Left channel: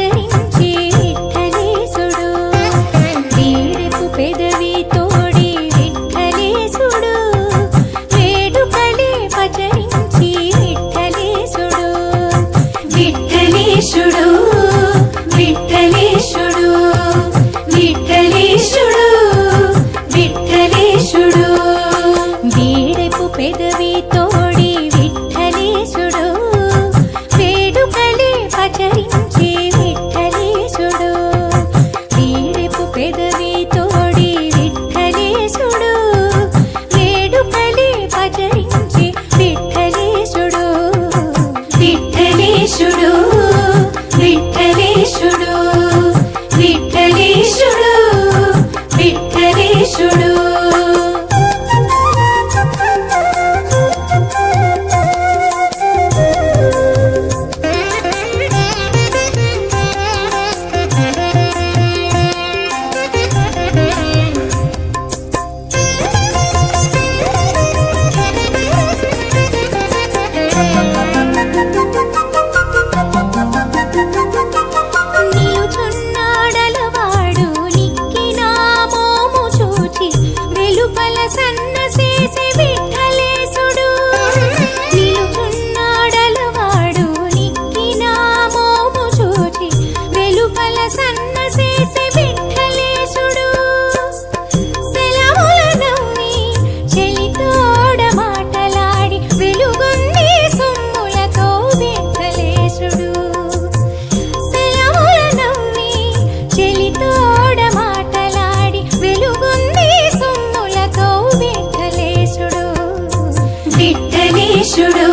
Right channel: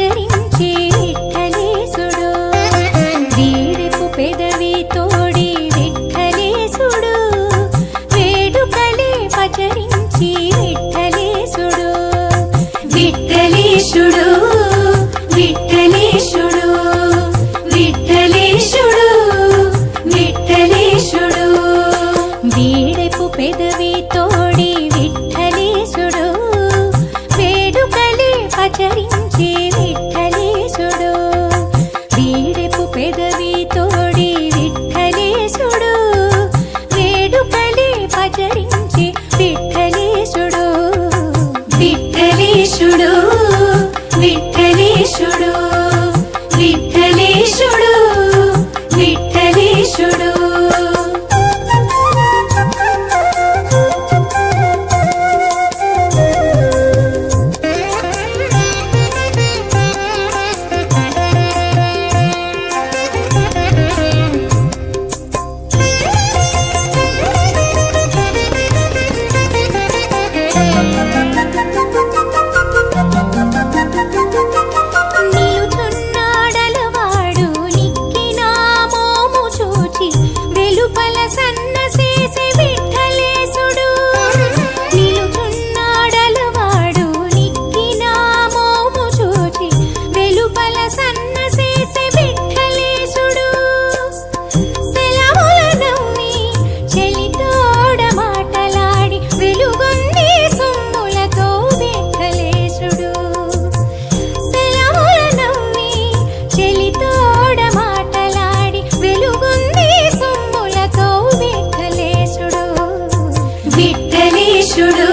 పచరించే విఠలేశుడు వీడెపు పెదవి తోడి విఠలేశుడు వేడుకలే పచరించి విఠలేశుడు విఠలేశుడు విఠలేశుడు విఠలేశుడు విఠలేశుడు వీడెపు పెదవి తోడి విఠలేశుడు వేడుకలే పచరించే విఠలేశుడు వీడెపు పెదవి తోడి విఠలేశుడు వేడుకలే పచరించే విఠలేశుడు విఠలేశుడు విఠలేశుడు విఠలేశుడు విఠలేశుడు సన్నసేసే విఠలేశుడు నిలుచున్నాడలవాడు నిక్కిన మోము చూచి వెలుపల సన్నసేసే విఠలేశుడు సెలవుల నవ్వి చెలితోడ మాటలాడి వెలుగొంది సొమ్ములతో విఠలేశుడు సెలవుల నవ్వి చెలితోడ మాటలాడి వెలుగొంది సొమ్ములతో విఠలేశుడు విఠలేశుడు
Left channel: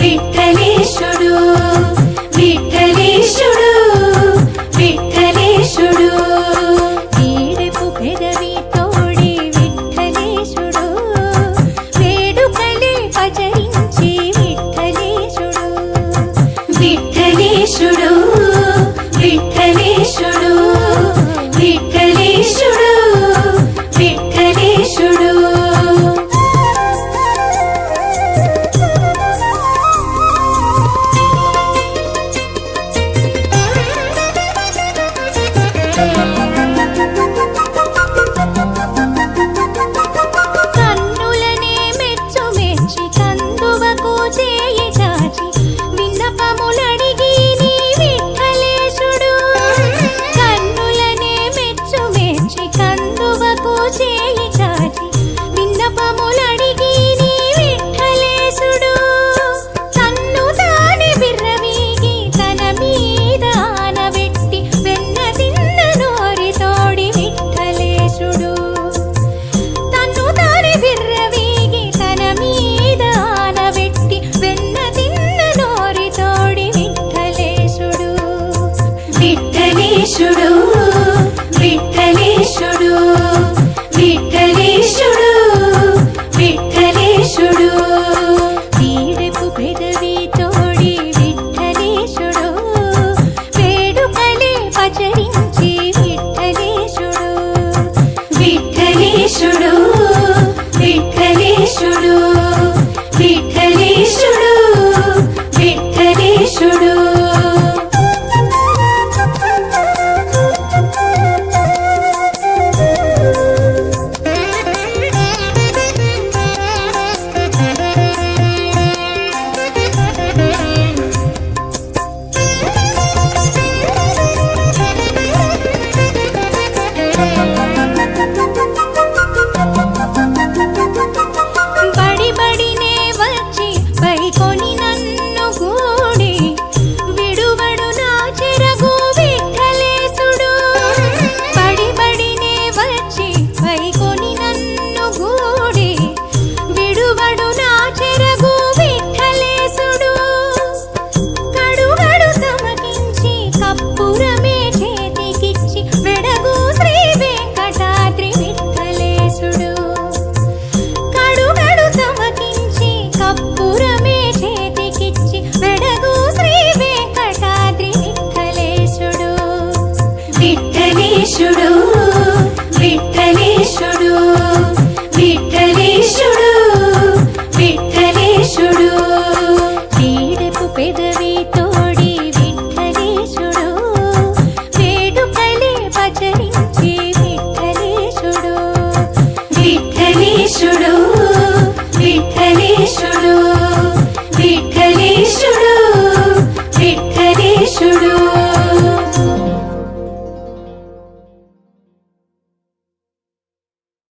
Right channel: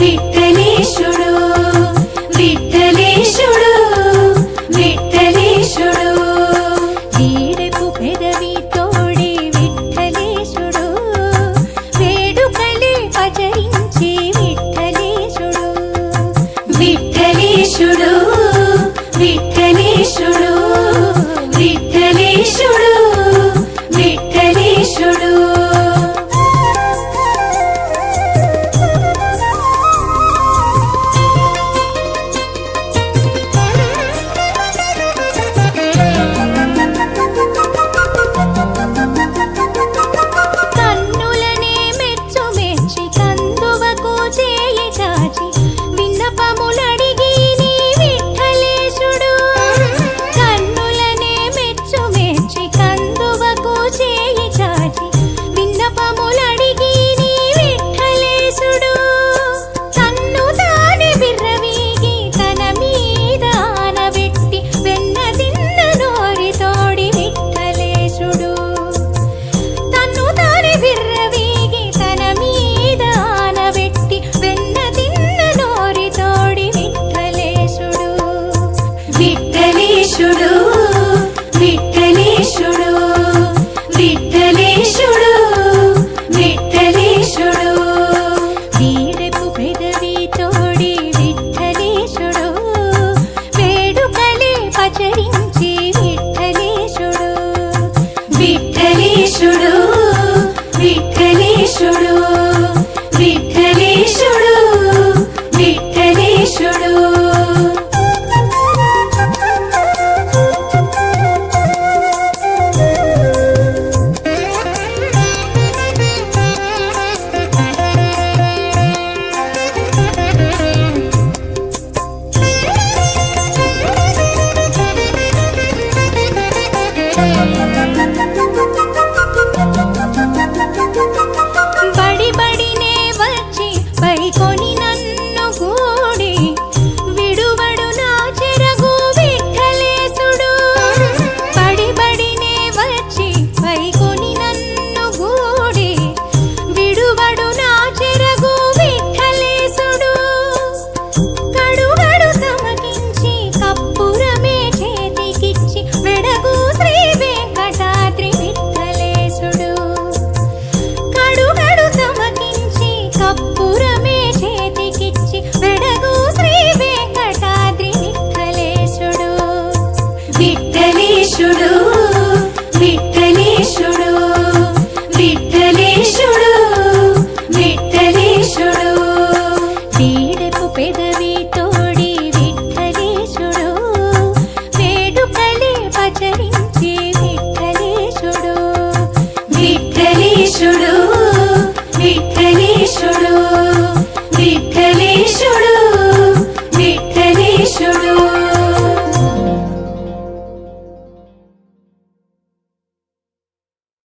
విఠలేశుడు విఠలేశుడు విఠలేశుడు వీడెపు పెదవి తోడి విఠలేశుడు వేడుకలే పచరించి విఠలేశుడు విఠలేశుడు విఠలేశుడు విఠలేశుడు విఠలేశుడు కన్నులనే మెచ్చు మెచ్చి కందువకు చేయి చాచి విన్నపములడిగి నీ విఠలేశుడు కన్నులనే మెచ్చు మెచ్చి కందువకు చేయి చాచి విన్నపములడిగి నీ విఠలేశుడు తన్ను తానే విర్రవీగి తన మీద ఆనబెట్టి వెన్న తిన్న నోరి తోడి విఠలేశుడు తన్ను తానే విర్రవీగి తన మీద ఆనబెట్టి వెన్న తిన్న నోరి తోడి విఠలేశుడు విఠలేశుడు విఠలేశుడు విఠలేశుడు విఠలేశుడు వీడెపు పెదవి తోడి విఠలేశుడు వేడుకలే పచరించి విఠలేశుడు విఠలేశుడు విఠలేశుడు విఠలేశుడు విఠలేశుడు బడి బడినే వచ్చి పైకొని నన్ను గూడి విడువడు నా చెరగు విఠలేశుడు బడి బడినే వచ్చి పైకొని నన్ను గూడి విడువడు నా చెరగు విఠలేశుడు కడుగడు తమకించి కప్పురమే చేతికిచ్చి వెడగు శ్రీ వెంకటాద్రి విఠలేశుడు కడుగడు తమకించి కప్పురమే చేతికిచ్చి వెడగు శ్రీ వెంకటాద్రి విఠలేశుడు విఠలేశుడు విఠలేశుడు విఠలేశుడు విఠలేశుడు వీడెపు పెద